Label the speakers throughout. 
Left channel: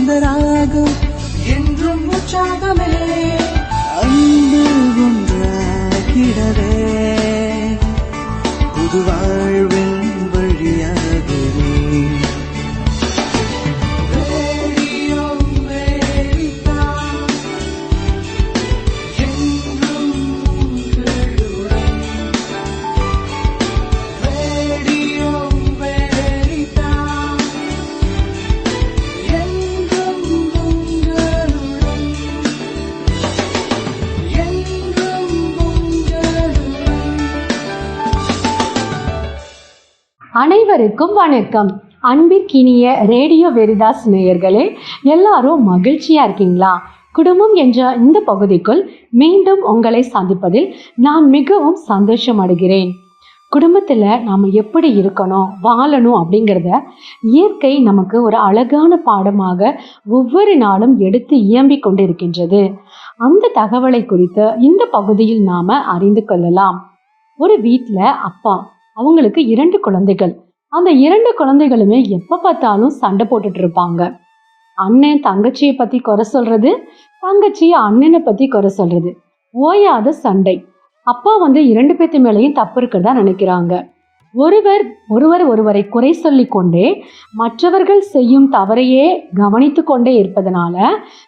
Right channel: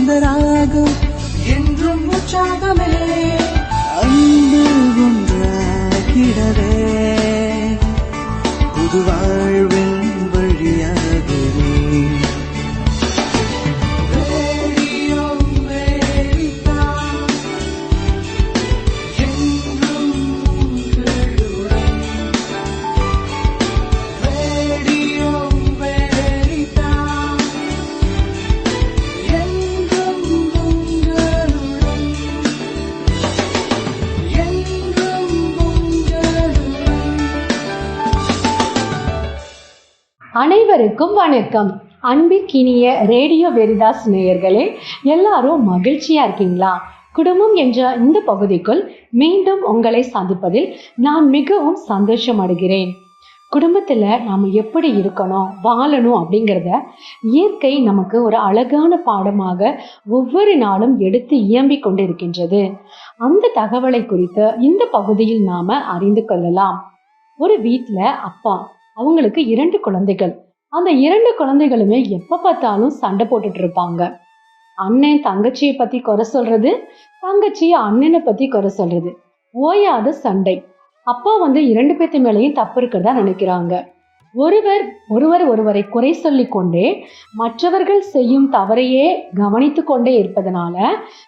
Speaker 1: सुंदरा
Speaker 2: அனைவருக்கும் வணக்கம். அன்பிற்கினிய ரேடியோ வெரிதாஸ் நேயர்களே எல்லாரும் மகிழ்ச்சியா இருக்கீங்களா? குடும்பம் என்ற இந்த பகுதிக்குள் மீண்டும் உங்களை சந்திப்பதில் நான் மிகவும் சந்தோஷம் அடைகிறேன் குடும்பத்தில் நாம் எப்படி இருக்கணும் வாழணும் அப்படிங்கிறத இயற்கை நமக்கு ஒரு அழகான பாடமாக ஒவ்வொரு நாளும் எடுத்து இயம்பிக் கொண்டிருக்கின்றது. அந்த தகவலை குறித்து இந்த பகுதியில் நாம அறிந்து கொள்ளலாம். ஒரு வீட்டில் அப்பா அவங்களுக்கு இரண்டு குழந்தைகள். அந்த இரண்டு குழந்தைகளுமே எப்ப பார்த்தாலும் சண்டை போட்டுட்டு இருப்பாங்க. அண்ணன் தங்கச்சியை பத்தி குறை சொல்றது தங்கச்சி அண்ணனை பத்தி குறை சொல்றது. ஓயாத சண்டை. அப்பா வந்து இரண்டு பேத்து மேலேயும் தப்பு இருக்கிறதா நினைக்கிறாங்க. ஒருவர் ஒருவர் ஒருவரை குறை சொல்லிக்கொண்டே மற்றவர்கள் செய்யும் தவறையே கவனித்து கொண்டே இருப்பதனால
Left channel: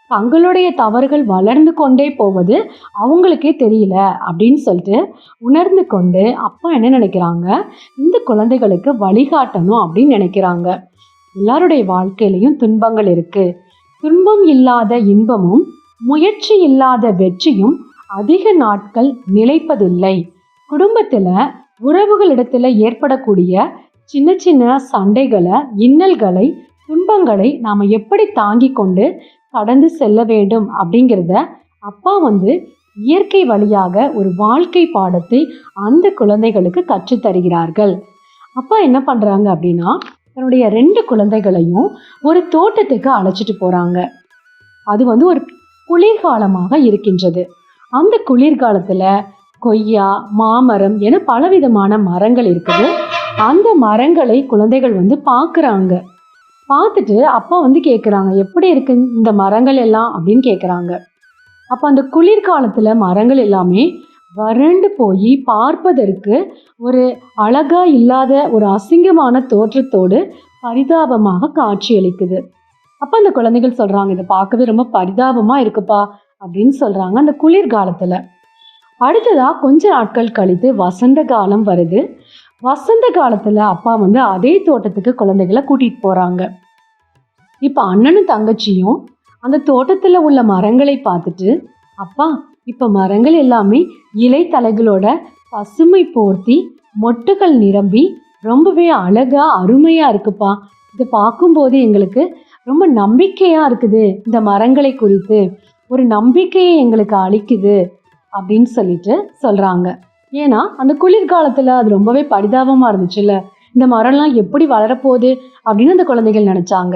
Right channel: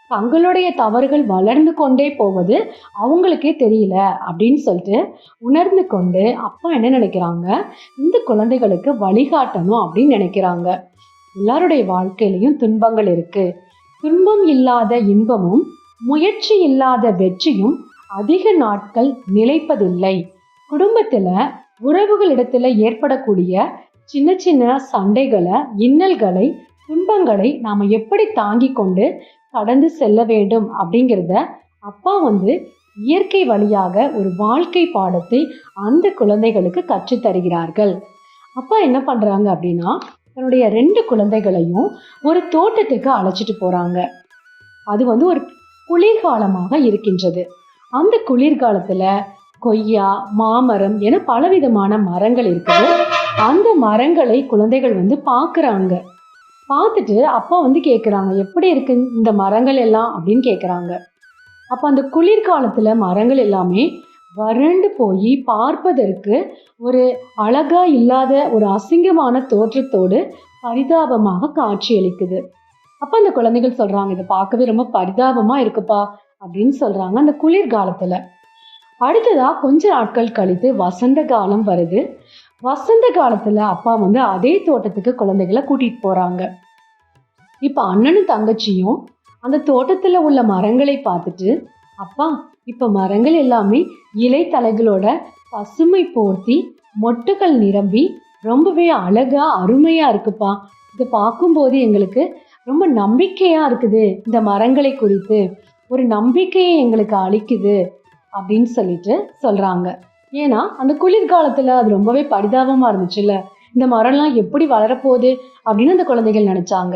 Speaker 2: தங்களுடைய தவறுகள் வளர்ந்து கொண்டே போவது அவங்களுக்கே தெரியல அப்படின்னு சொல்லிட்டு உணர்ந்து கொண்டு அப்பா என்ன நினைக்கிறாங்க? இந்த குழந்தைகளுக்கு வழிகாட்டணும் அப்படின்னு நினைக்கிறாங்க. எல்லாருடைய வாழ்க்கையிலையும் துன்பங்கள் இருக்கு. துன்பம் இல்லாத இன்பமும் முயற்சி இல்லாத வெற்றியும் அதிக நாட்கள் நிலைப்பதில்லை. குடும்பத்தில் உறவுகளிடத்துல ஏற்படக்கூடிய சின்ன சின்ன சண்டைகளை இன்னல்களை துன்பங்களை நாம் எப்படி தாங்கி கொண்டு கடந்து செல்ல வேண்டும் அப்படிங்கிறத அப்பா வந்து இயற்கை வழியாக ஒரு வாழ்க்கை பாடத்தை அந்த குழந்தைகளுக்கு கற்றுத் தருகிறார்கள். அப்பா என்ன பண்ணுறாங்க அப்படின்னா தன்னுடைய ரெண்டு குழந்தைகளையும் ஒரு தோட்டத்துக்கு அழைச்சிட்டு போகிறாங்க அது வந்து ஒரு குளிர்காலமாக இருக்கின்றது. அந்த குளிர்காலத்தில் கொய்யா மாமரம் என பலவிதமான மரங்கள் இருக்குது. அந்த மரங்களை குழந்தைகள் வந்து பார்க்குறாங்க. பார்த்துட்டு அப்பா வந்து கேட்குறாங்க எப்படி இருக்கு இந்த மரங்கள் எல்லாம்? அப்படின்னு கேட்குறாங்க. அப்போ அந்த குளிர்காலத்தில் மரங்கள் எல்லாமே வறண்டு போய் பார்ப்பதற்கு ஒரு அழகா இல்லாத ஒரு அசிங்கமான தோற்றத்தோடு பரிதாபமாக காட்சியளிக்குது அப்போ அந்த குழந்தைகள் சொல்கிறாங்க இதை பார்க்கவே ரொம்ப பரிதாபமாக இருக்குப்பா அப்படின்னு சொல்கிறாங்க அந்த குளிர்காலத்தில். அடுத்ததாக கொஞ்ச நாட்கள் கழித்து வசந்த காலம் வருது. வசந்த காலத்தில் அப்பா வந்து அதே தோட்டத்துக்கு குழந்தைகளை கூட்டிகிட்டு போகிறாங்க இப்போ அண்ணனும் தங்கச்சியும் அந்த தோட்டத்தில் உள்ள மரங்களை பார்த்துட்டு அப்பா இப்போ மரங்கள் எல்லாமே இலை தலைகளோட பசுமை போர்த்தி மொட்டுகள் நிரம்பி ரொம்பவே அழகாக அருமையாக இருக்குப்பா. இதை பார்க்கும்போது எங்களுக்கு ரொம்ப நம்பிக்கையாக இருக்குது. இந்த மரங்களை குறித்து ஒரு நம்பிக்கையை எங்களுக்கு அளிக்குது. அப்படின்னு சொல்லிட்டு சொல்கிறாங்க ஏன்னா அந்த குளிர்காலத்தில் அது ரொம்பவே பரிதாபமாக இருந்துச்சுல்ல. இந்த மரம்லாம் எப்படி வளரப்போகுது அப்படின்னு அந்த குழந்தைகள் நினச்சாங்க.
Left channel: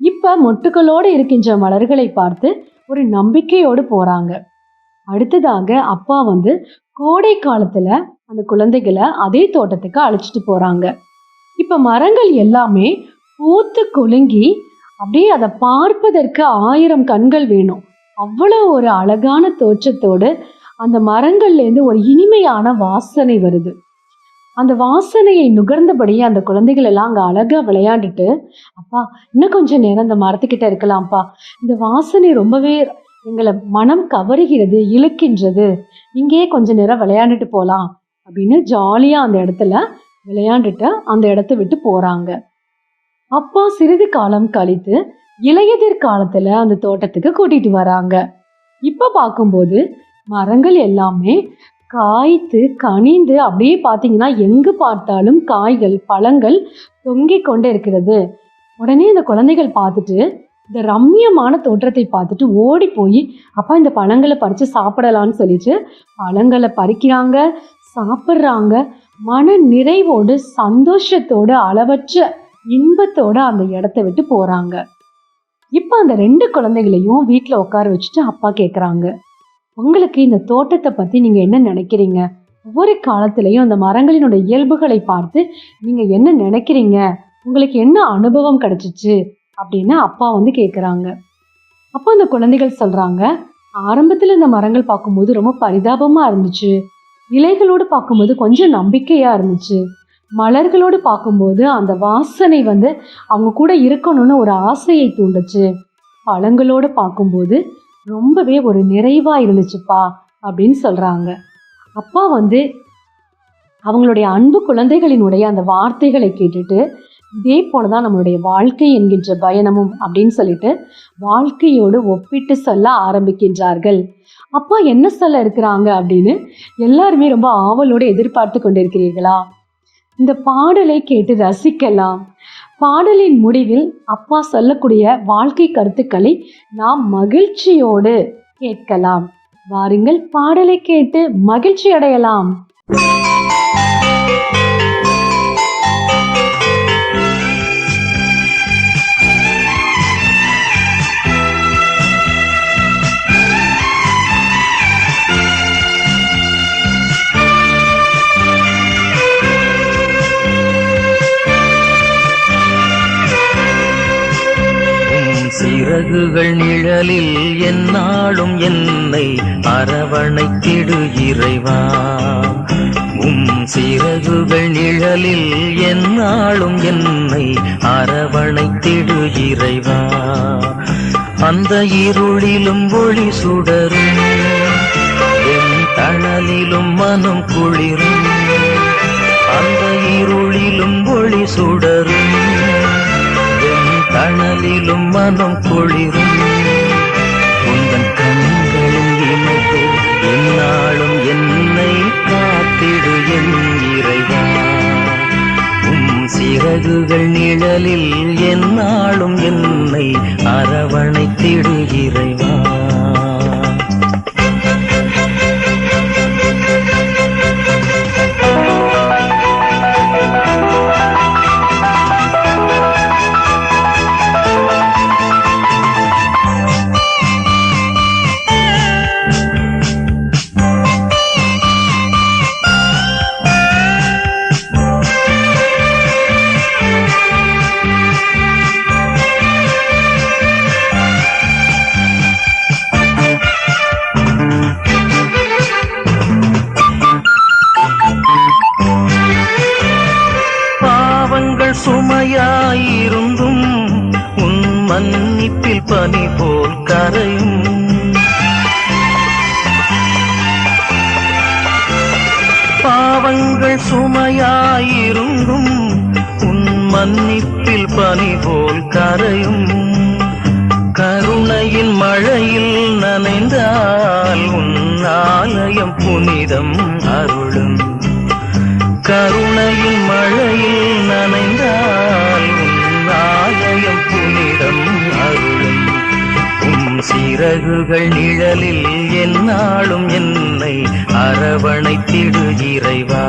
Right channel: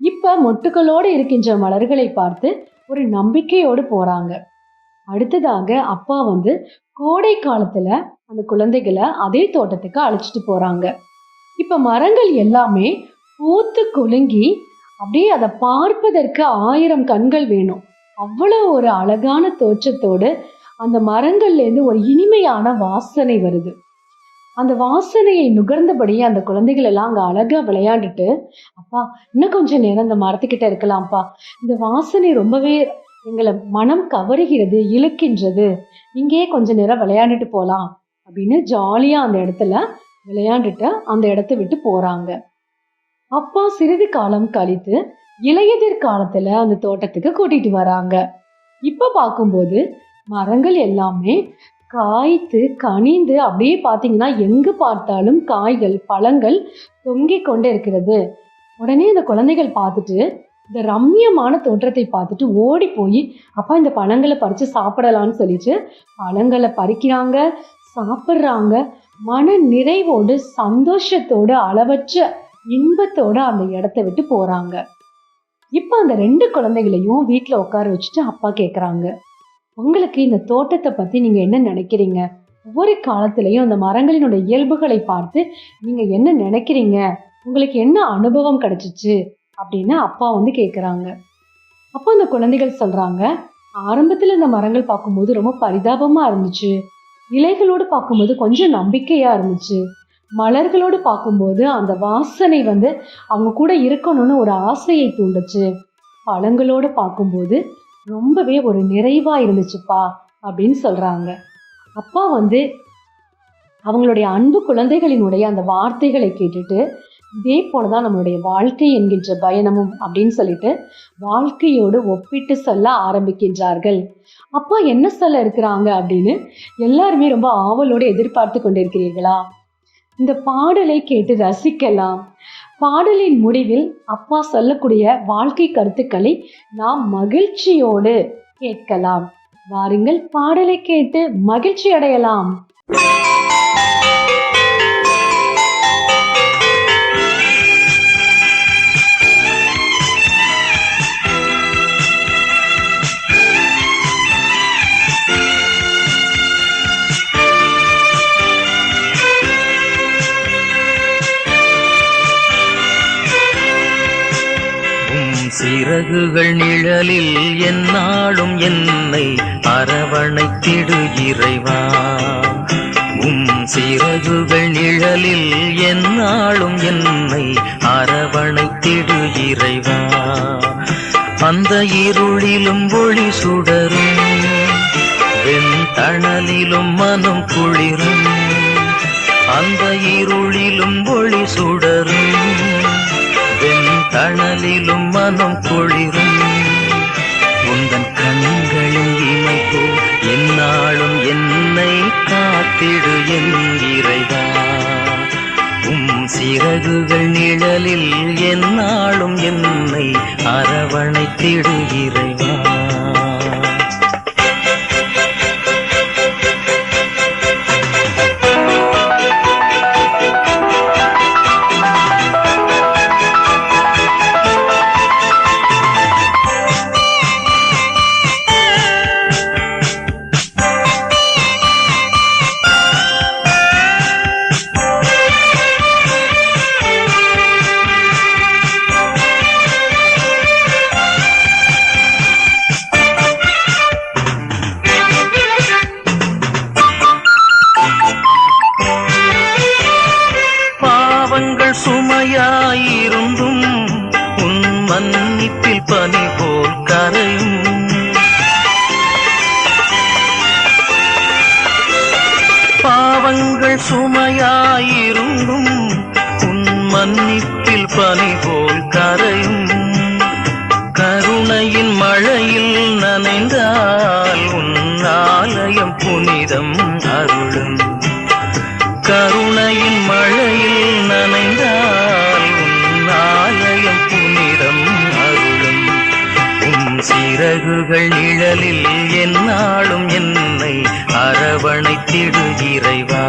Speaker 2: இப்போ மொட்டுக்களோடு இருக்கின்ற மலர்களை பார்த்து ஒரு நம்பிக்கையோடு போகிறாங்க அடுத்ததாக அப்பா வந்து கோடை காலத்தில் அந்த குழந்தைகளை அதே தோட்டத்துக்கு அழைச்சிட்டு போகிறாங்க இப்போ மரங்கள் எல்லாமே பூத்து குலுங்கி அப்படியே அதை பார்ப்பதற்கு ஆயிரம் கண்கள் வேணும். அவ்வளோ ஒரு அழகான தோற்றத்தோடு அந்த மரங்கள்லேருந்து ஒரு இனிமையான வாசனை வருது. அந்த வாசனையை நுகர்ந்தபடி அந்த குழந்தைகள் எல்லாம் அங்கே அழகாக விளையாண்டுட்டு அப்பா இன்னும் கொஞ்சம் நேரம் அந்த மரத்துக்கிட்ட இருக்கலாம்ப்பா. இந்த வாசனை ரொம்பவே எங்களை மனம் கவருகிறது இழுக்கின்றது. இங்கேயே கொஞ்ச நேரம் விளையாண்டுட்டு போகலாம் அப்படின்னு ஜாலியாக அந்த இடத்துல விளையாண்டுட்டு அந்த இடத்த விட்டு போகிறாங்க அப்பா சிறிது காலம் கழித்து இளையதிர் காலத்துல அந்த தோட்டத்துக்கு கூட்டிட்டு வராங்க. இப்ப பார்க்கும்போது மரங்கள் எல்லாமே காய்த்து கனிந்து அப்படியே பார்த்தீங்கன்னா எங்கு பார்த்தாலும் காய்கள் பழங்கள் தொங்கிக் கொண்டே இருக்கிறது. உடனே இந்த குழந்தைகள் பார்த்துட்டு இந்த ரம்மியமான தோற்றத்தை பார்த்துட்டு ஓடி போய் அப்பா இந்த பழங்களை பறித்து சாப்பிடலான்னு சொல்லிட்டு பழங்களை பறிக்கிறாங்க சாப்பிட்றாங்க. மன நிறைவோடு சந்தோஷத்தோடு அளவற்ற இன்பத்தோடு அந்த இடத்த விட்டு போகிறாங்க இப்போ அந்த ரெண்டு குழந்தைகளையும் வீட்டில் உட்கார வச்சுட்டு அப்பா கேட்குறாங்க உங்களுக்கு இந்த தோட்டத்தை பற்றி நீங்கள் என்ன நினைக்கிறீங்க? ஒவ்வொரு காலத்திலையும் அந்த மரங்களினுடைய இயல்புகளை பார்த்து நீங்கள் என்ன நினைக்கிறீங்க? உங்களுக்கு என்ன அனுபவம் கிடைச்சிச்சு? அப்படின்னு அப்பா வந்து கேட்குறாங்க அப்போ அந்த குழந்தைகள் சொல்கிறாங்க ஆரம்பத்தில் இந்த மரங்கள் பார்க்கும்போது ரொம்ப பரிதாபமாக இருந்துச்சு. இலைகளோடு பார்க்கும்போது கொஞ்சம் நம்பிக்கையாக இருந்துச்சு. மலர்களோடு பார்க்கும்போது அந்த வாசனை வந்து அவங்க கூட இருக்கணும்னு ஒரு ஆசையை தூண்டுச்சு. பழங்களோடு பார்க்கும்போது ரொம்பவே ஒரு நிறைவாக இருந்துச்சுப்பா அப்படின்னு சொல்கிறாங்க அப்பா வந்து அவங்களுடைய அன்பு குழந்தைகளினுடைய அந்த வார்த்தைகளை கேட்டுட்டு இதே போல தான் நம்மளுடைய வாழ்க்கை என்கின்ற பயணமும் அப்படின்னு சொல்லிட்டு வாழ்க்கையோடு ஒப்பிட்டு சொல்ல ஆரம்பிக்கின்றார்கள். அப்பா என்ன சொல்ல இருக்கிறாங்க அப்படின்னு எல்லாருமே ரொம்ப ஆவலோடு எதிர்பார்த்து கொண்டிருக்கிறீர்களா? இந்த பாடலை கேட்டு ரசிக்கலாம். பாடலின் முடிவில் அப்பா சொல்லக்கூடிய வாழ்க்கை கருத்துக்களை நாம் மகிழ்ச்சியோடு கேட்கலாம். வாருங்கள் பாடலை கேட்டு மகிழ்ச்சி அடையலாம்
Speaker 3: இறகுகள் நிழலில் என்னாலும் என்னை அரவணைத்திடு இறைவா. உம் சிறகுகள் நிழலில் என்னாலும் என்னை அரவணைத்திடு இறைவா. அந்த இருளிலும் ஒளி சுடரும் என் தணலிலும் மனம் குளிரும். அந்த இருளிலும் ஒளி சுடரும். அனலிலும் மனம் குளிரும். உங்கள் கண்களின் இணைப்பு எந்நாளும் என்னை காத்திடு என் இறைவா. உம் சிறகுகள் நிழலில் என்னாலும் என்னை அரவணைத்திடு கருணையின் மழையில் நனைந்தால் உன் புனிதம் அருளும். உன் சிறகுகள் நிழலில் எந்நாளும் என்னை அரவணைத்திடு இறைவா.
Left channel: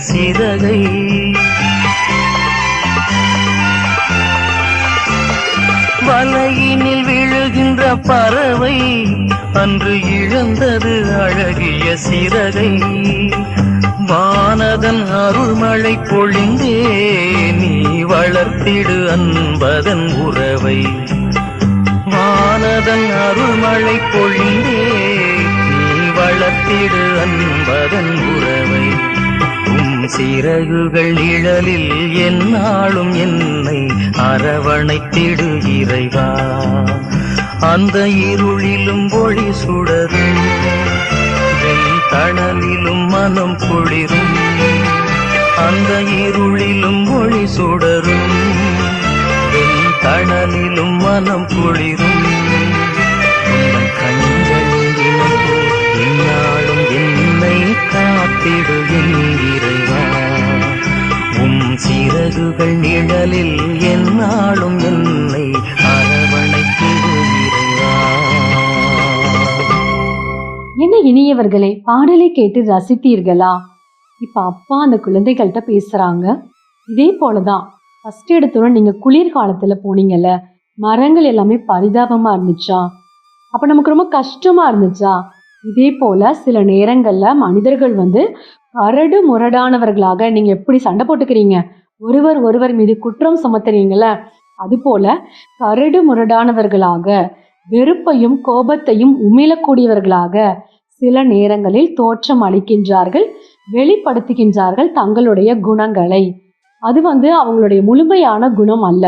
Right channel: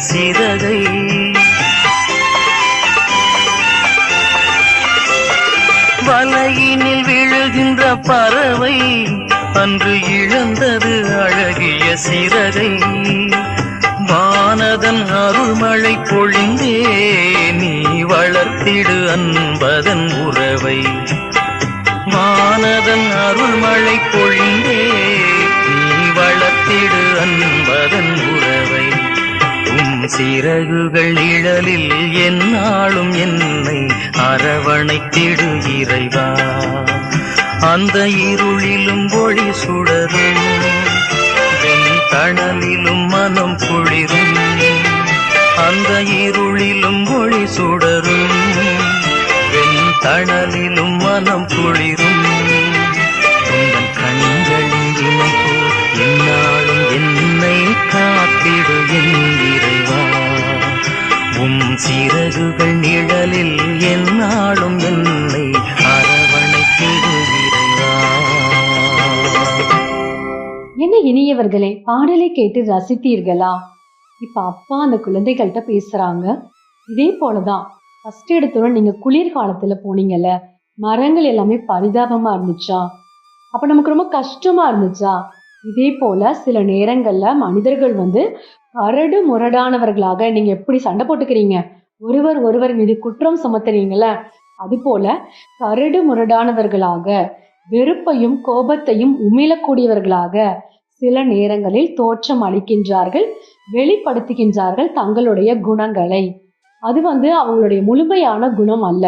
Speaker 3: சிறகை வலையினில் விழுகின்ற பறவை அன்று இழந்தது அழகிய சிறகை வானதன் அருள்மழை பொழிந்தே நீ வளர்த்திடு அன்பதன் உறவை. வானதன் அருள்மழை பொழிந்தே நீ வளர்த்திடு அன்பதன் உறவை. சிறகுகள் நிழலில் என்னாலும் என்னை அரவணைத்திடு இறைவா. அந்த இருளிலும் ஒளி சுடரும் வெண் தணலிலும் மனம் குளிரும் அந்த இருளிலும் ஒளி சுடரும் வெண் தணலிலும் மனம் குளிரும். உந்தன் கண்களின் இமை என்னாலும் என்னை காத்திடு என்கிறேன். சிறகுகள் நிழலில் என்னாலும் என்னை
Speaker 2: என்ன இனியவர்களே பாடலை கேட்டு ரசித்தீர்களா? இப்ப அப்பா அந்த குழந்தைகள்கிட்ட பேசுறாங்க. இதே போலதான் ஃபர்ஸ்ட் எடுத்தோட நீங்க குளிர்காலத்துல போனீங்கல்ல மரங்கள் எல்லாமே பரிதாபமா இருந்துச்சா? அப்ப நமக்கு ரொம்ப கஷ்டமா இருந்துச்சா? இதே போல சில நேரங்கள்ல மனிதர்கள் வந்து அரடு முரடானவர்களாக நீங்க எப்படி சண்டை போட்டுக்கிறீங்க? ஒருவர் ஒருவர் மீது குற்றம் சுமத்துறீங்கள அது போல கரடு முரடானவர்களாக வெறுப்பையும் கோபத்தையும் உமிழக்கூடியவர்களாக சில நேரங்களில் தோற்றம் அளிக்கின்றார்கள் வெளிப்படுத்துகின்றார்கள் தங்களுடைய குணங்களை. அது வந்து அவங்களுடைய முழுமையான குணம் அல்ல.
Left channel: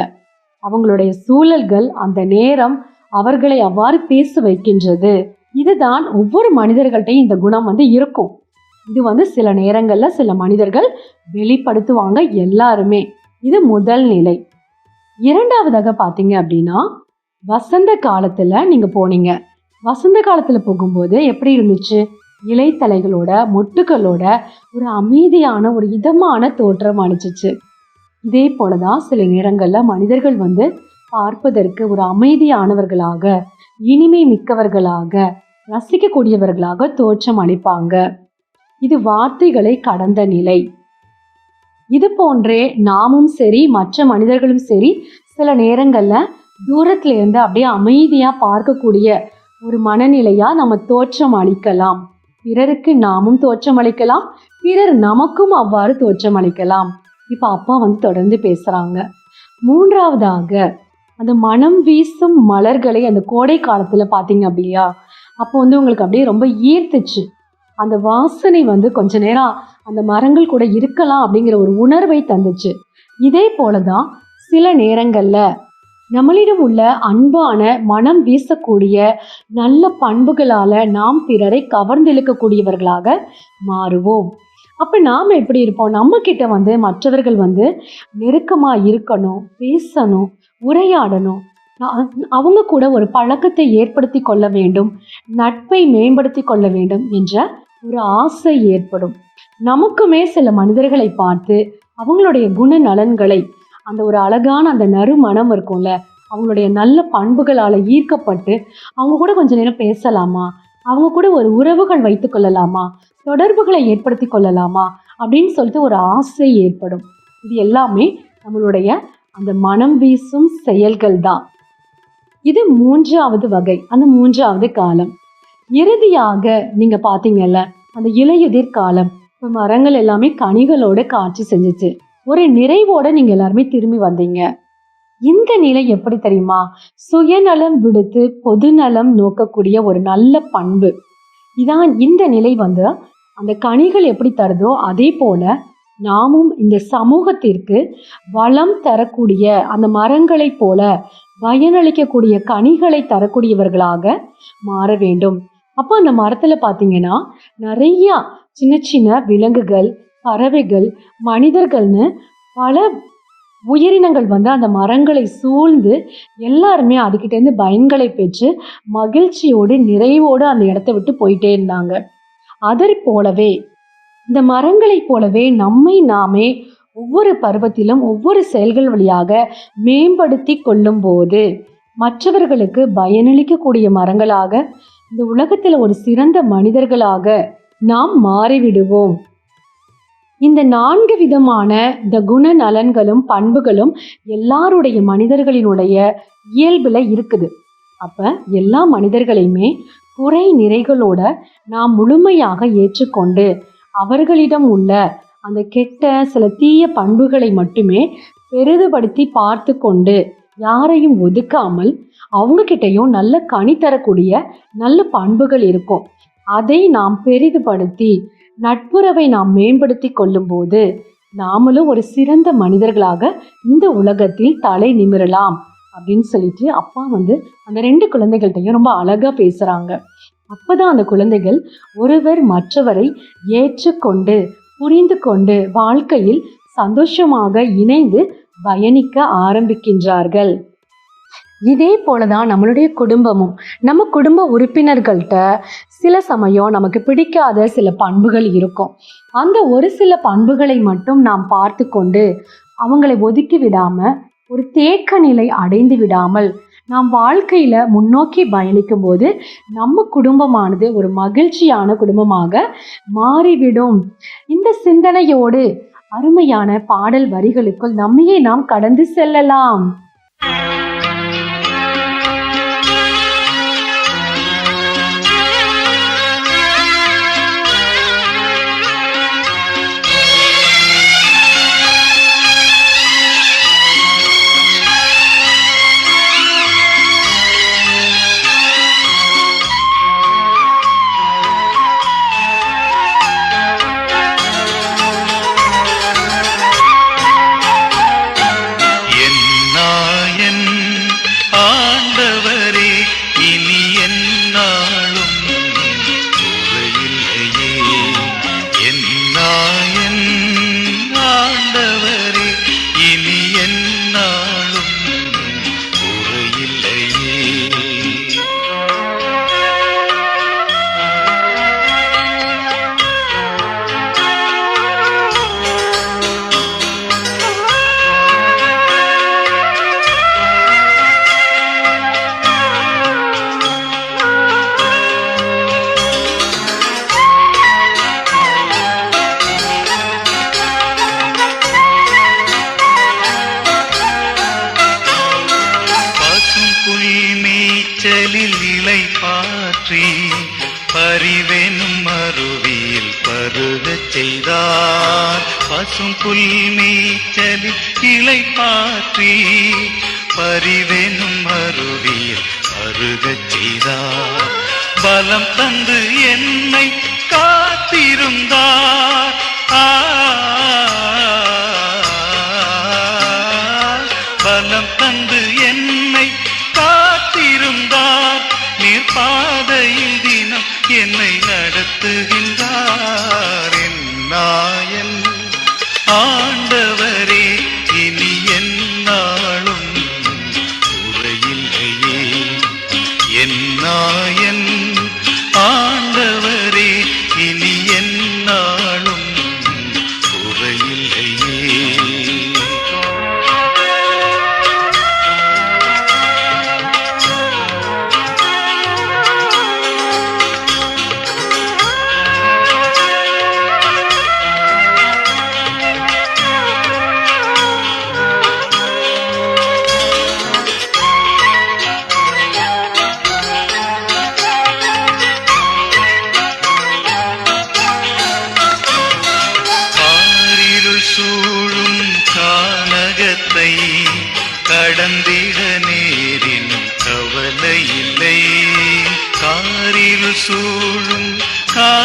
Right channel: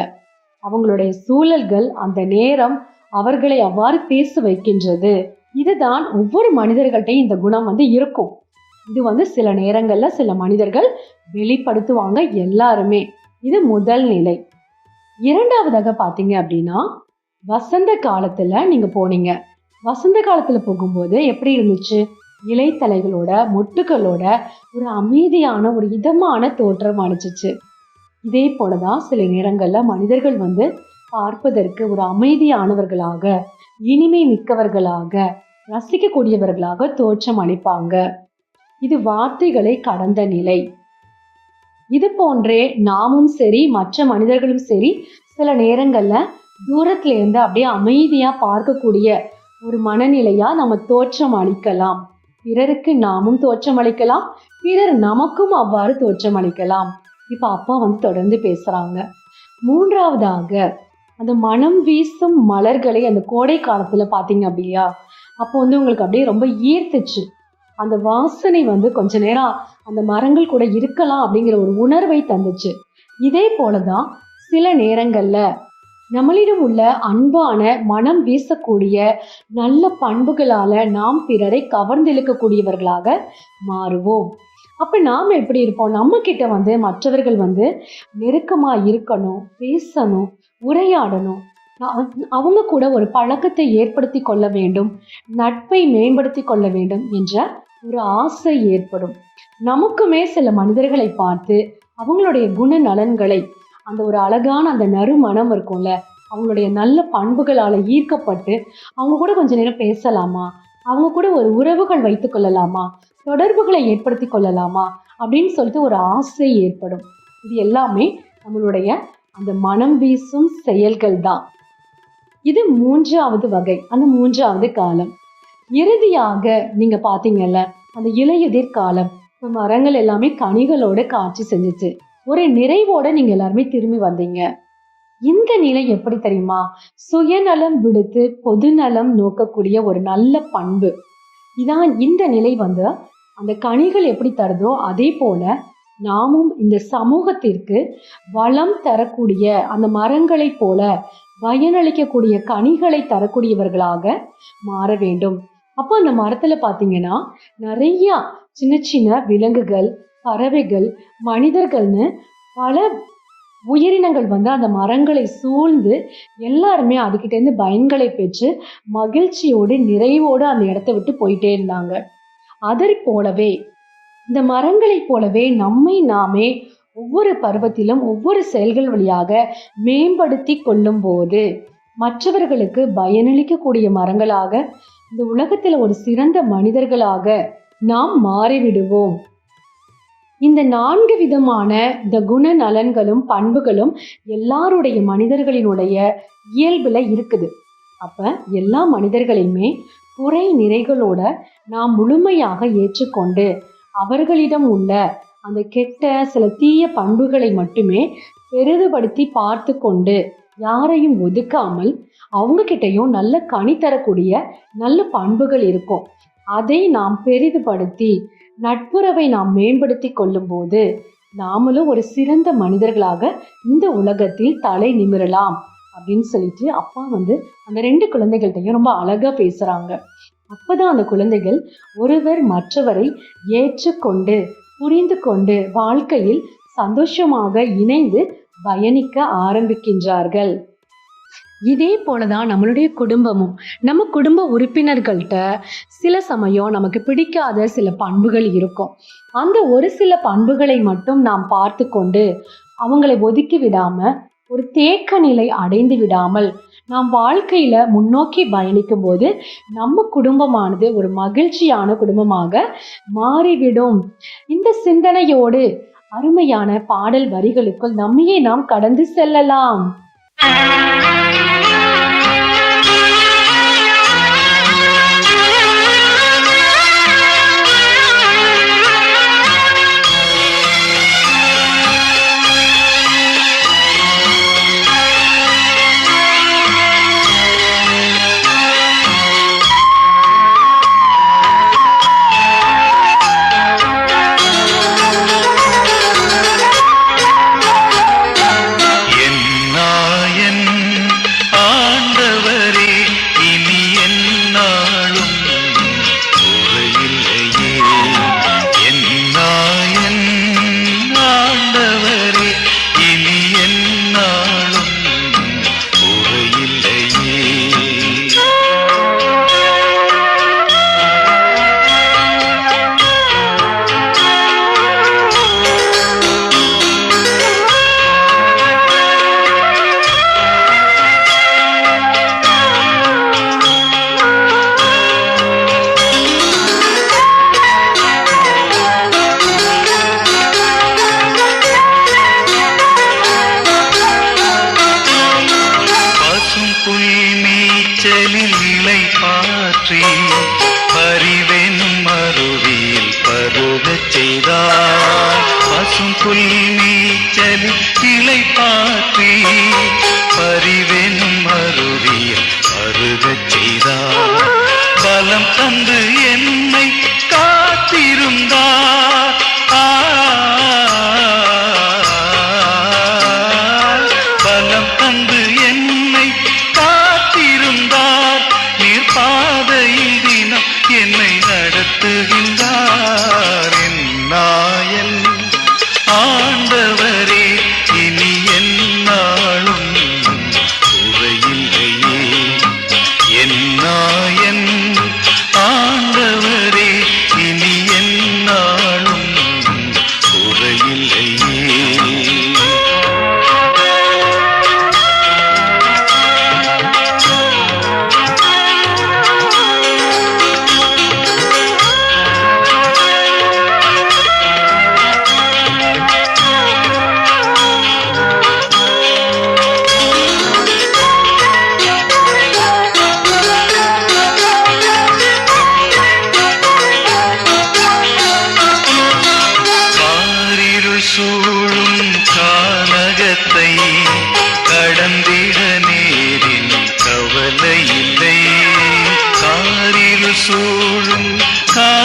Speaker 2: அவங்களுடைய சூழல்கள் அந்த நேரம் அவர்களை அவ்வாறு பேச வைக்கின்றது. இதுதான் ஒவ்வொரு மனிதர்கள்ட்டையும் இந்த குணம் வந்து இருக்கும். இது வந்து சில நேரங்களில் சில மனிதர்கள் வெளிப்படுத்துவாங்க எல்லாருமே. இது முதல் நிலை. இரண்டாவதாக பார்த்தீங்க அப்படின்னா வசந்த காலத்தில் நீங்கள் போனீங்க. வசந்த காலத்தில் போகும்போது எப்படி இருந்துச்சு? இலைத்தலைகளோட மொட்டுகளோட ஒரு அமைதியான ஒரு இதமான தோற்றம் அணிச்சிச்சு இதே போலதான் சில நேரங்களில் மனிதர்கள் வந்து பார்ப்பதற்கு ஒரு அமைதியானவர்களாக இனிமை மிக்கவர்களாக ரசிக்கக்கூடியவர்களாக தோற்றம் அளிப்பாங்க. இது வார்த்தைகளை கடந்த நிலை. இது போன்றே நாமும் சரி மற்ற மனிதர்களும் சரி சில நேரங்கள்ல தூரத்துல இருந்து அப்படியே அமைதியா பார்க்கக்கூடிய ஒரு மனநிலையா நம்ம தோற்றம் அளிக்கலாம். பிறருக்கு நாமும் தோற்றம் அளிக்கலாம் பிறர் நமக்கும் அவ்வாறு தோற்றம் அளிக்கலாம். இப்ப அப்பா வந்து தொடர்ந்து பேசுறாங்க. மூன்றாவதாக அந்த மனம் வீசும் மலர்களை அந்த கோடை காலத்துல பாத்தீங்க அப்படியா? அப்போ வந்து உங்களுக்கு அப்படியே ரொம்ப ஈர்த்துச்சு. அந்த வாசனை வந்து கொஞ்ச நேரம் அந்த மரங்கள் கூட இருக்கலாம் அப்படிங்கிற ஒரு உணர்வை தந்துச்சு. இதே போலதான் சில நேரங்கள்ல நம்மளிடம் உள்ள அன்பான மனம் வீசக்கூடிய நல்ல பண்புகளால நாம் பிறரை கவர்ந்திழுக்கக்கூடியவர்களாக மாறுவோம். அப்ப நாம எப்படி இருப்போம்? நம்ம கிட்ட வந்து மற்றவர்கள் வந்து நெருக்கமா இருக்கணும் பேசணும் உரையாடணும். அவங்க கூட ஒரு பழக்கத்தை ஏற்படுத்தி கொள்ள வேண்டும் நட்பை மேம்படுத்தி கொள்ள வேண்டும் என்ற ஒரு ஆசை ஏற்படும். நமக்குமே சில மனிதர்களை பார்த்து அவங்களுடைய குண நலன்களை அந்த ஒரு அழகான அந்த நறுமணம் இருக்கும்ல அவங்களுடைய நல்ல பண்புகளால் ஈர்க்கப்பட்டு அவங்க கூட கொஞ்ச நேரம் பேசலாமா? அவங்க கூட ஒரு உறவுகள் வைத்து கொள்ளலாமா? தொடர்புகளை ஏற்படுத்தி கொள்ளலாமா? அப்படின்னு சொல்லிட்டு ஒரு ஆசை ஏற்படும். இது எல்லாமே நம்மளுடைய அந்த மனம் வீசும் செயல்கள் தான் இது மூன்றாவது வகை அந்த மூன்றாவது காலம். இறுதியாக நீங்க பாத்தீங்கல்ல அந்த இலையுதிர் காலம் மரங்கள் எல்லாமே கனிகளோட காட்சி செஞ்சுச்சு. ஒரு நிறைவோட நீங்க எல்லாருமே திரும்பி வந்தீங்க. இந்த நிலை எப்படி தெரியுமா? சுயநலம் விடுத்து பொதுநலம் நோக்கக்கூடிய ஒரு நல்ல பண்பு. இதான் இந்த நிலை வந்து அந்த கனிகள் எப்படி தருதோ அதே போல நாமும் இந்த சமூகத்திற்கு வளம் தரக்கூடிய அந்த மரங்களைப் போல பயனளிக்கக்கூடிய கனிகளை தரக்கூடியவர்களாக மாற வேண்டும். அப்போ அந்த மரத்துல பாத்தீங்கன்னா நிறைய சின்ன சின்ன விலங்குகள் பறவைகள் மனிதர்கள்னு பல உயிரினங்கள் வந்து அந்த மரங்களை சூழ்ந்து எல்லாருமே அதுக்கிட்டேருந்து பயன்களை பெற்று மகிழ்ச்சியோடு நிறைவோடு அந்த இடத்த விட்டு போயிட்டே இருந்தாங்க. அதை போலவே இந்த மரங்களைப் போலவே நம்மை நாமே ஒவ்வொரு பருவத்திலும் ஒவ்வொரு செயல்கள் வழியாக மேம்படுத்தி கொள்ளும் போது மற்றவர்களுக்கு பயனளிக்கக்கூடிய மரங்களாக இந்த உலகத்தில் ஒரு சிறந்த மனிதர்களாக நாம் மாறிவிடுவோம். இந்த நான்கு விதமான இந்த குண நலன்களும் பண்புகளும் எல்லாருடைய மனிதர்களினுடைய இயல்பில் இருக்குது. அப்போ எல்லா மனிதர்களையுமே குறை நிறைகளோட நாம் முழுமையாக ஏற்றுக்கொண்டு அவர்களிடம் உள்ள அந்த கெட்ட சில தீய பண்புகளை மட்டுமே பெரிதுபடுத்தி பார்த்து கொண்டு யாரையும் ஒதுக்காமல் அவங்க நல்ல கனி தரக்கூடிய நல்ல பண்புகள் இருக்கும். அதை நாம் பெரிதுபடுத்தி நட்புறவை நாம் மேம்படுத்தி கொள்ளும்போது நாமளும் ஒரு சிறந்த மனிதர்களாக இந்த உலகத்தில் தலை நிமிரலாம் அப்படின்னு சொல்லிட்டு அப்பா வந்து அந்த ரெண்டு குழந்தைகள்கிட்டையும் ரொம்ப அழகா பேசுறாங்க. அப்பதான் அந்த குழந்தைகள் ஒருவர் மற்றவரை ஏற்றுக்கொண்டு புரிந்து கொண்டு வாழ்க்கையில் சந்தோஷமாக இணைந்து பயணிக்க ஆரம்பிக்கின்றார்கள். இதே போல தான் நம்மளுடைய குடும்பமும். நம்ம குடும்ப உறுப்பினர்கள்ட்ட சில சமயம் நமக்கு பிடிக்காத சில பண்புகள் இருக்கும். அந்த ஒரு சில பண்புகளை மட்டும் நாம் பார்த்து கொண்டு அவங்களை ஒதுக்கி விடாம ஒரு தேக்க நிலை அடைந்து விடாமல் நாம் வாழ்க்கையில முன்னோக்கி பயணிக்கும் போது நம்ம குடும்பமானது ஒரு மகிழ்ச்சியான குடும்பமாக மாறிவிடும். இந்த சிந்தனையோடு அருமையான பாடல் வரிகளுக்குள் நம்மையே நாம் கடந்து செல்லலாம்.
Speaker 4: நீச்சலில் இலை பாற்றி பறிவெனும் அருவியில் பருகச் செய்தார். பசும் புல் நீச்சலில் இலை பாற்றி பறிவெனும் அருவியில் பருகச் செய்தார். பலம் தந்து என்னை காத்திருந்தார். ஆ பலம் தந்து என்னை என்னை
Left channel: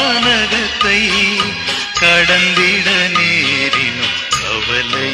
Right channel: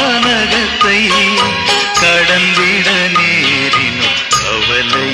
Speaker 4: வானகத்தை கடந்திட நேரினும் கவலை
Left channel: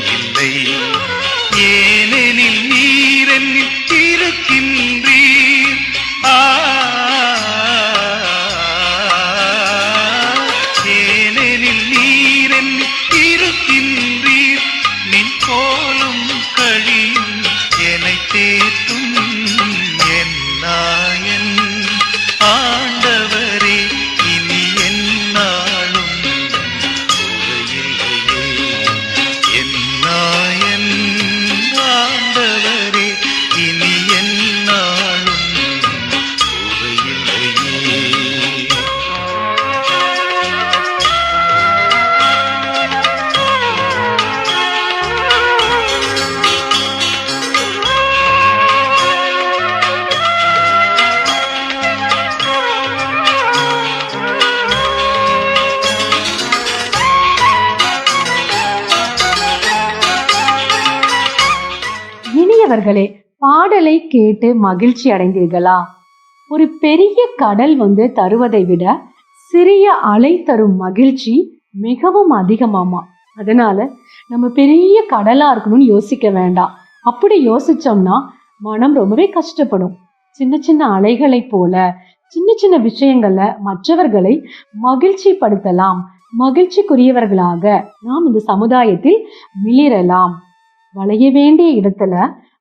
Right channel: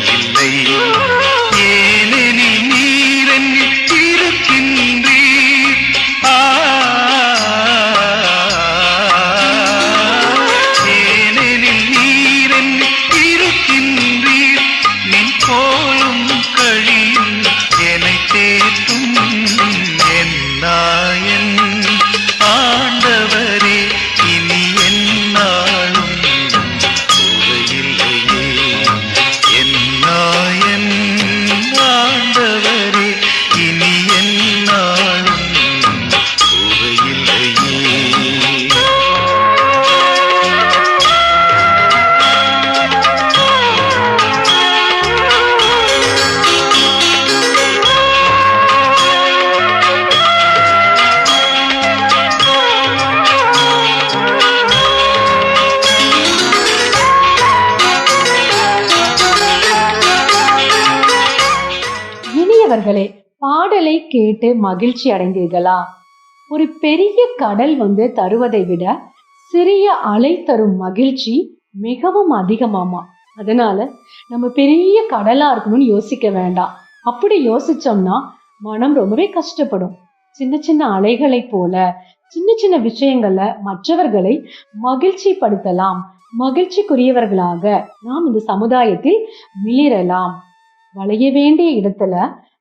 Speaker 2: கேட்டு மகிழ்ச்சி அடைந்தீர்களா? ஒரு பெரிய கடல் வந்து தருவதை விட சிறிய அலை தரும் மகிழ்ச்சி மிகவும் அதிகமாமா? அதனால நம்ம பெரிய கடலா இருக்கணும்னு யோசிக்க வேண்டாம். அப்படி யோசிச்சோம்னா மனம் ரொம்பவே கஷ்டப்படும். சின்ன சின்ன அலைகளைப் போல சின்ன சின்ன விஷயங்கள்ல மற்றவர்களை மகிழ்ச்சி படுத்தலாம் மகிழ்ச்சிக்குரியவர்களாக நாம் இந்த சமுதாயத்தில் மிளிரலாம். வளைய வேண்டிய இடத்துல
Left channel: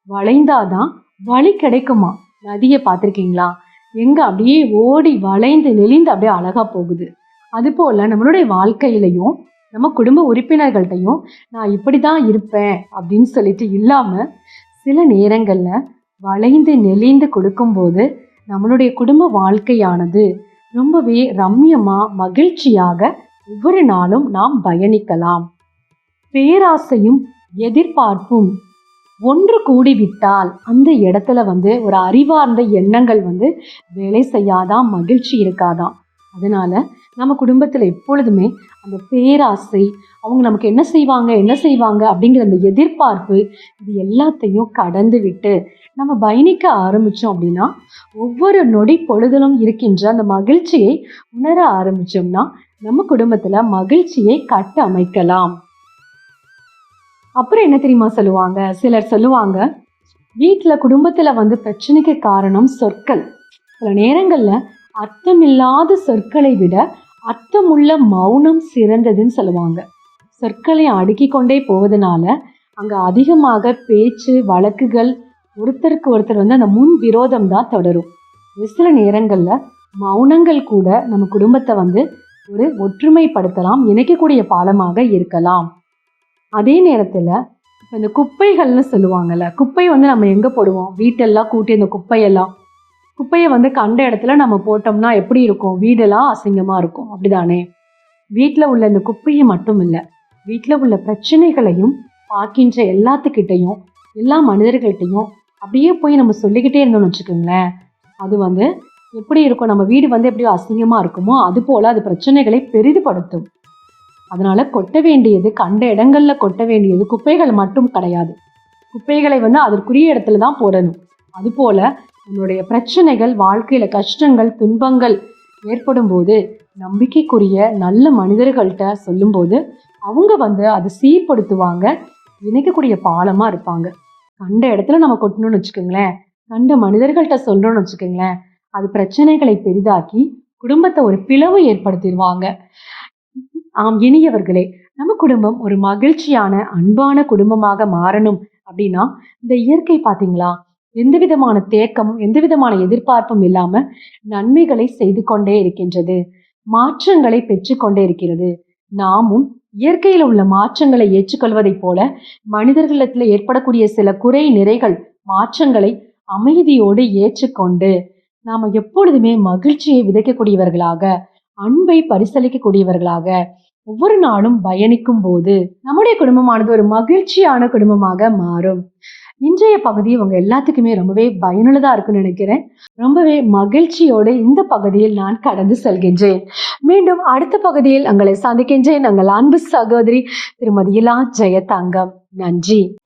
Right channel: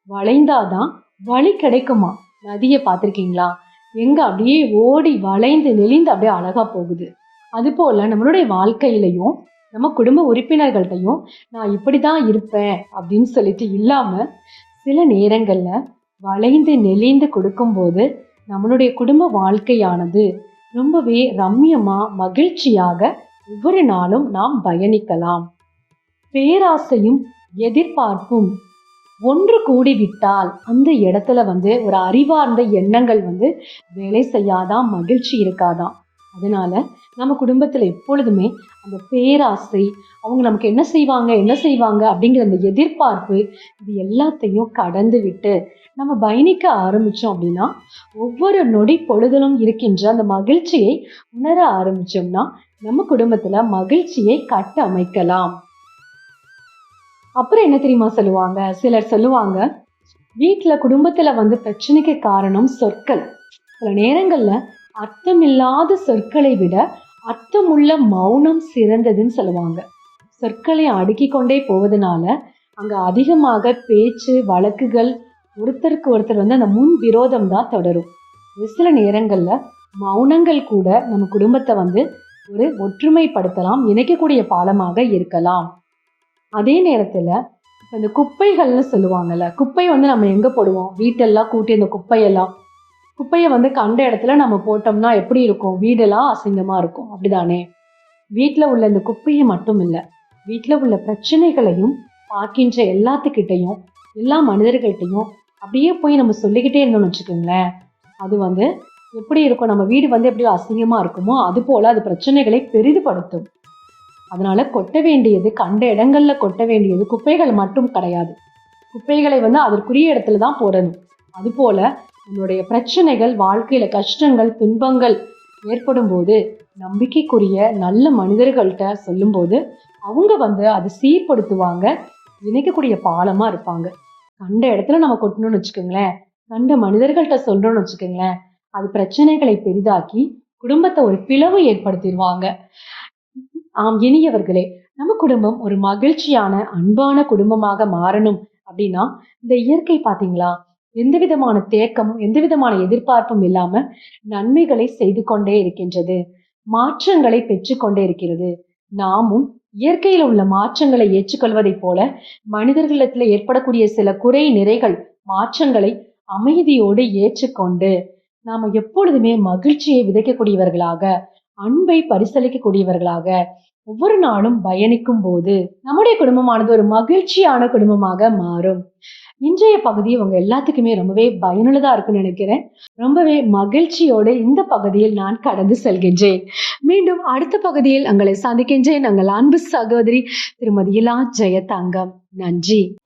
Speaker 2: வளைந்தாதான் வழி கிடைக்குமா? நதியை பார்த்துருக்கீங்களா? எங்க அப்படியே ஓடி வளைந்து நெளிந்து அப்படியே அழகா போகுது. அதுபோல் நம்மளுடைய வாழ்க்கையிலையும் நம்ம குடும்ப உறுப்பினர்கள்ட்டையும் நான் இப்படி தான் இருப்பேன் அப்படின்னு சொல்லிட்டு இல்லாமல் சில நேரங்களில் வளைந்து நெளிந்து கொடுக்கும்போது நம்மளுடைய குடும்ப வாழ்க்கையானது ரொம்பவே ரம்யமாக மகிழ்ச்சியாக ஒவ்வொரு நாளும் நாம் பயணிக்கலாம். பேராசையும் எதிர்பார்ப்பும் ஒன்று கூடிவிட்டால் அந்த இடத்துல வந்து ஒரு அறிவார்ந்த எண்ணங்கள் வந்து வேலை செய்யாதான் மகிழ்ச்சி இருக்காதான் அதனால நம்ம குடும்பத்தில் எப்பொழுதுமே அந்த பேராசை அவங்க நமக்கு என்ன செய்வாங்க என்ன செய்வாங்க அப்படிங்கிற அந்த எதிர்பார்ப்பு இது எல்லாத்தையும் கடந்து விட்டு நம்ம பயணிக்க ஆரம்பித்தோம் அப்படின்னா ஒவ்வொரு நொடி பொழுதிலும் இருக்கின்ற அந்த மகிழ்ச்சியை உணர ஆரம்பித்தோம்னா நம்ம குடும்பத்தில் மகிழ்ச்சியை கட்டமைக்கலாம். அப்புறம் என்ன தெரியுமா சொல்லுவாங்க? சிலர் சொல்லுவாங்க வீட்டில் குடும்பத்தில் வந்து பிரச்சனைக்கு காரணம் சொற்கள். சில நேரங்களில் அர்த்தமில்லாத சொற்களை விட அர்த்தமுள்ள மௌனம் சிறந்ததுன்னு சொல்லுவாங்க. சொற்களை அடுக்கி கொண்டே போவதனால அங்கே அதிகமாக பேச்சு வழக்குகள் ஒருத்தருக்கு ஒருத்தர் வந்து அந்த முன் விரோதம் தான் தொடரும். ஒரு சில நேரங்களில் மௌனங்கள் கூட நம்ம குடும்பத்தை வந்து ஒரு ஒற்றுமைப்படுத்தலாம் இணைக்கக்கூடிய பாலமாக இருக்கலாம். அதே நேரத்தில் இந்த குப்பைகள்னு சொல்லுவாங்கல்ல குப்பை வந்து நம்ம எங்கே போடுவோம்? வீட்டெல்லாம் கூட்டி அந்த குப்பையெல்லாம். குப்பையை வந்து கண்ட இடத்துல நம்ம போட்டோம்னா எப்படி இருக்கும்? வீடெல்லாம் அசிங்கமாக இருக்கும். அப்படிதானே? வீட்டில் உள்ள இந்த குப்பையை மட்டும் இல்லை வீட்டில் உள்ள பிரச்சனைகளையும் பார்க்கின்ற எல்லாத்துக்கிட்டையும் எல்லா மனிதர்கள்ட்டையும் அப்படியே போய் நம்ம சொல்லிக்கிட்டே இருந்தோம்னு வச்சுக்கோங்களேன். அது வந்து எப்படி இருக்கும்? நம்ம வீடு வந்து எப்படி அசிங்கமாக இருக்குமோ அது போல் அது பிரச்சனைகளை பெரிதுபடுத்தும். அதனால கொட்ட வேண்டியது கண்ட இடங்கள்ல கொட்ட வேண்டியது குப்பைகள் மட்டும் கிடையாது. குப்பைகளை வந்து அதற்குரிய இடத்துல தான் போடணும். அதுபோல நம்மளுடைய பிரச்சனைகள் வாழ்க்கையில கஷ்டங்கள் துன்பங்கள் ஏற்படும் போது நம்பிக்கைக்குரிய நல்ல மனிதர்கள்ட்ட சொல்லும்போது அவங்க வந்து அதை சீர்படுத்துவாங்க இணைக்கக்கூடிய பாலமா இருப்பாங்க. கண்ட இடத்துல நம்ம கொட்டணும்னு வச்சுக்கோங்களேன். கண்ட மனிதர்கள்ட்ட சொல்றோம்னு வச்சுக்கோங்களேன். அது பிரச்சனைகளை பெரிதாக்கி குடும்பத்தை ஒரு பிளவு ஏற்படுத்திடுவாங்க. ஆம் இனியவர்களே நம்ம குடும்பம் ஒரு மகிழ்ச்சியான அன்பான குடும்பமாக மாறணும் அப்படின்னா இந்த இயற்கை பார்த்தீங்களா எந்த விதமான தேக்கமும் எந்த விதமான எதிர்பார்ப்பும் இல்லாம நன்மைகளை செய்து கொண்டே இருக்கின்றது. மாற்றங்களை பெற்றுக்கொண்டே இருக்கிறது. நாமும் இயற்கையில் உள்ள மாற்றங்களை ஏற்றுக்கொள்வதைப் போல மனிதர்களிடத்தில் ஏற்படக்கூடிய சில குறை நிறைகள் மாற்றங்களை அமைதியோடு ஏற்றுக்கொண்டு நாம எப்பொழுதுமே மகிழ்ச்சியை விதைக்கக்கூடியவர்களாக அன்பை பரிசளிக்கக்கூடியவர்களாக ஒவ்வொரு நாளும் பயணிக்கும் போது நம்முடைய குடும்பமானது ஒரு மகிழ்ச்சியான குடும்பமாக மாறும். இன்றைய பகுதி உங்க எல்லாத்துக்குமே ரொம்பவே பயனுள்ளதா இருக்கும்னு நினைக்கிறேன். ரொம்பவே மகிழ்ச்சியோடு இந்த பகுதியில் நான் கடந்து செல்கின்றேன். மீண்டும் அடுத்த பகுதியில் உங்களை சந்திக்கின்றேன். நாங்கள் அன்பு சகோதரி திருமதி இலா ஜெயதங்கம். நன்றி.